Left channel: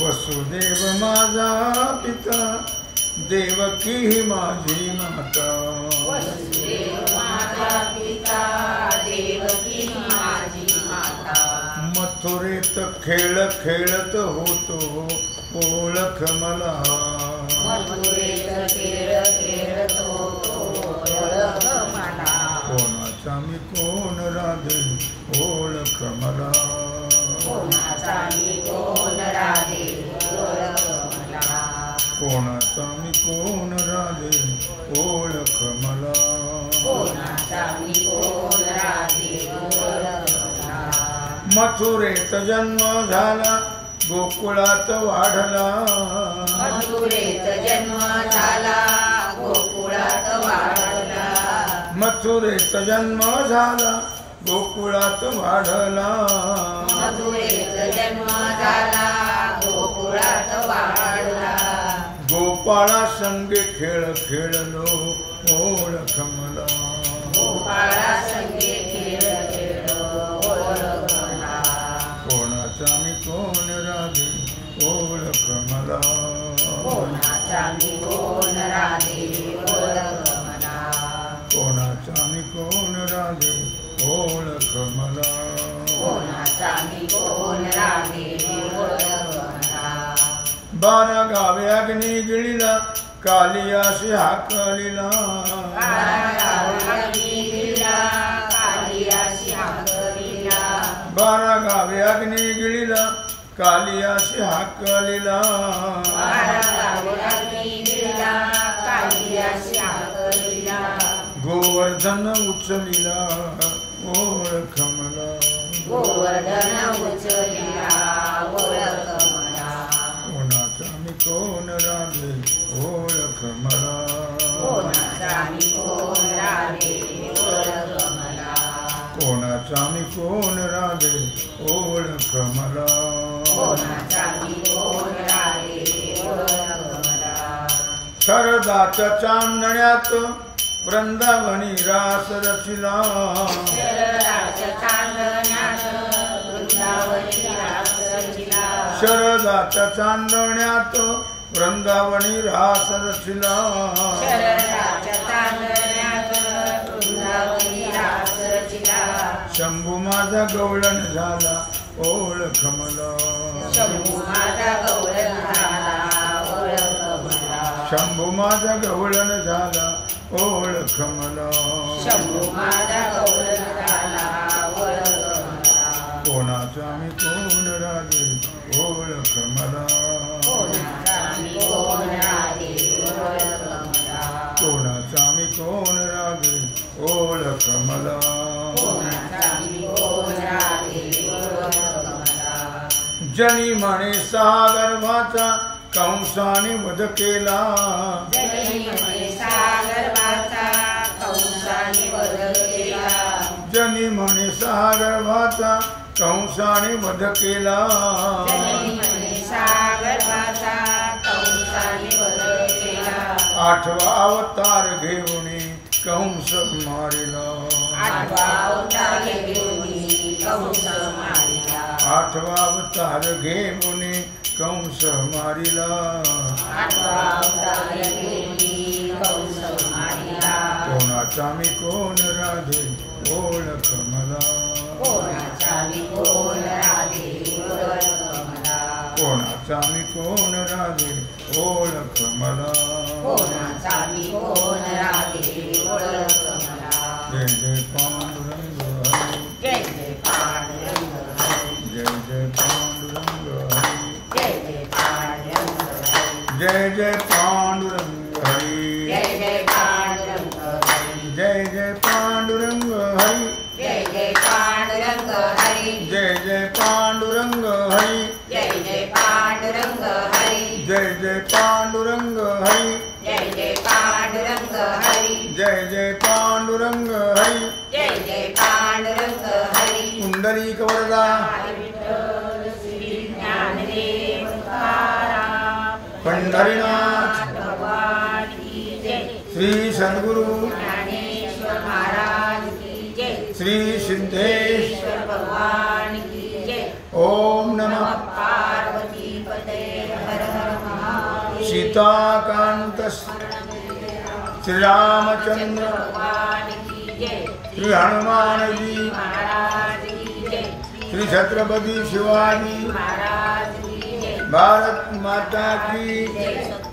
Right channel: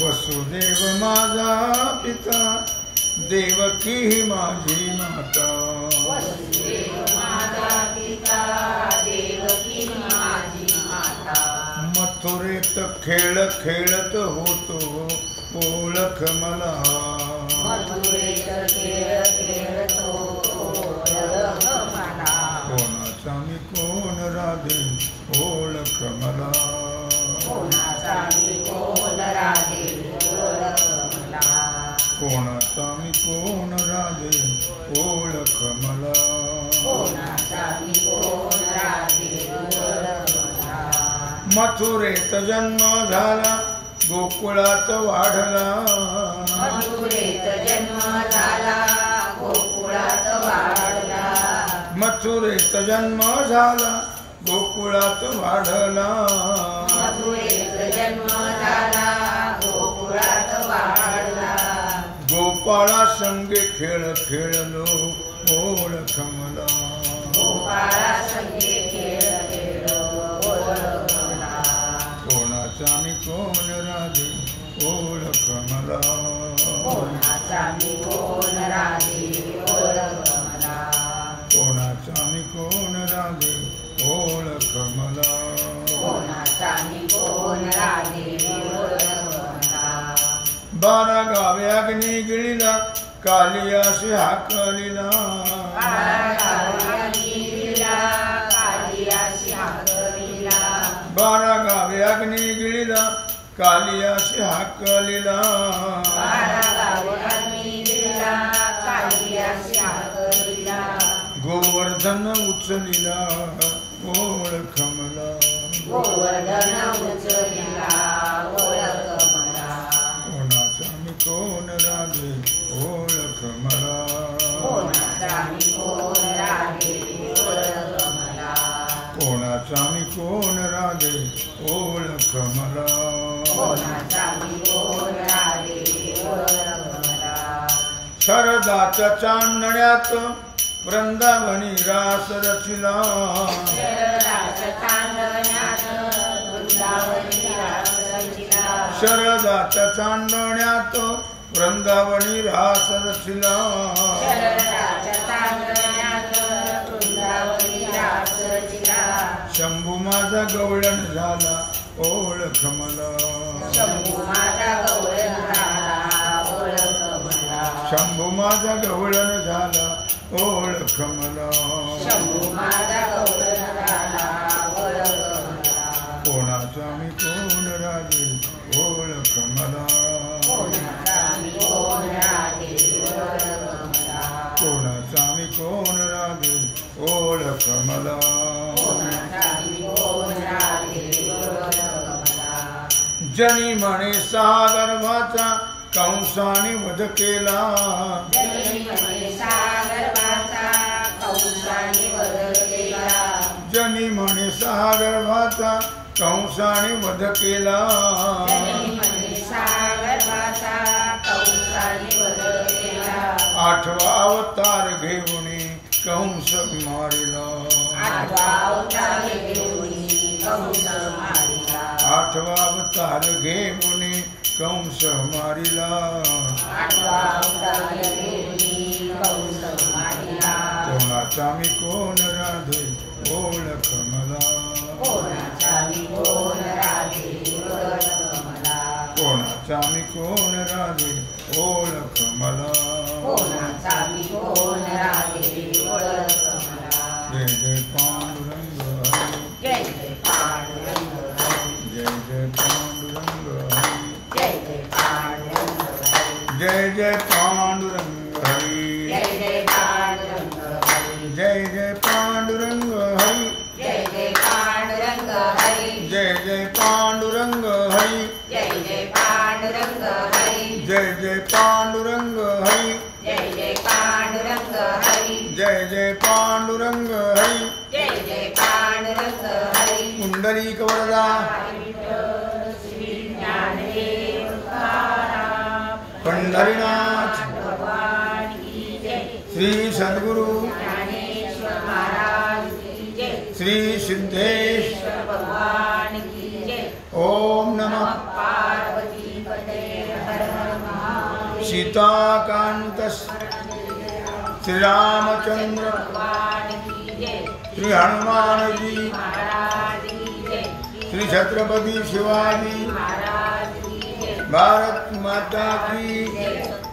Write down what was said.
वसुदेव माझा पिता देवकी ही माझी माता मथुरेत खेळ खेळत होतो ओळख मला कोणाचा मी कोण राधे ओळख मला कोणाचा मी कोण राधे ओळख मला मथुरेत जन्म झाला गोकुळात वाढला मथुरेत जन्म झाला गोकुळात वाढला गोपाळा संगे खेळ खेळलो ओळख मला कोणाचा मी कोण राधे ओळख मला कोणाचा मी कोण राधे ओळख मला बारा गावे अग्नी गिळीला कालियाशी हाकलिला बारा गावे अग्नी गिळीला कालियाशी हाकलिला गोवर्धन उचलिला ओळख मला कोणाचा मी कोण राधे ओळख मला कोणाचा मी कोण राधे ओळख मला शरदाच्या चांदण्यात वृंदावनी रास रचिला शरदाच्या चांदण्यात वृंदावनी रास रचिला शंभू माझा गवळण झाला ओळख मला शंभू माझा गवळण झाला ओळख मला कोणाचा मी कोण राधे ओळख मला कोणाचा मी कोण राधे ओळख मला जनी म्हणे सहा गर्भाचा कंसाने वध केला जनी म्हणे सहा गर्भाचा कंसाने वध केला आठवा अवतार घेऊन कंस मारिला आठवा अवतार घेऊन कंस मारिला कोणाचा मी कोण राधे ओळख मला कोणाचा मी कोण राधे ओळख मला जय जय पांडुरंग हरी जय जय पांडुरंग हरी जय जय पांडुरंग हरी जय जय पांडुरंग हरी जय जय पांडुरंग हरी जय जय पांडुरंग हरी जय जय पांडुरंग हरी पुंडलीक वरदा पंढरीनाथ श्री सद्गुरु श्री सिद्धेश सीताकांत श्री रामचंद्र श्री हनुमान जी श्री छत्रपति शिवाजी भारत माता की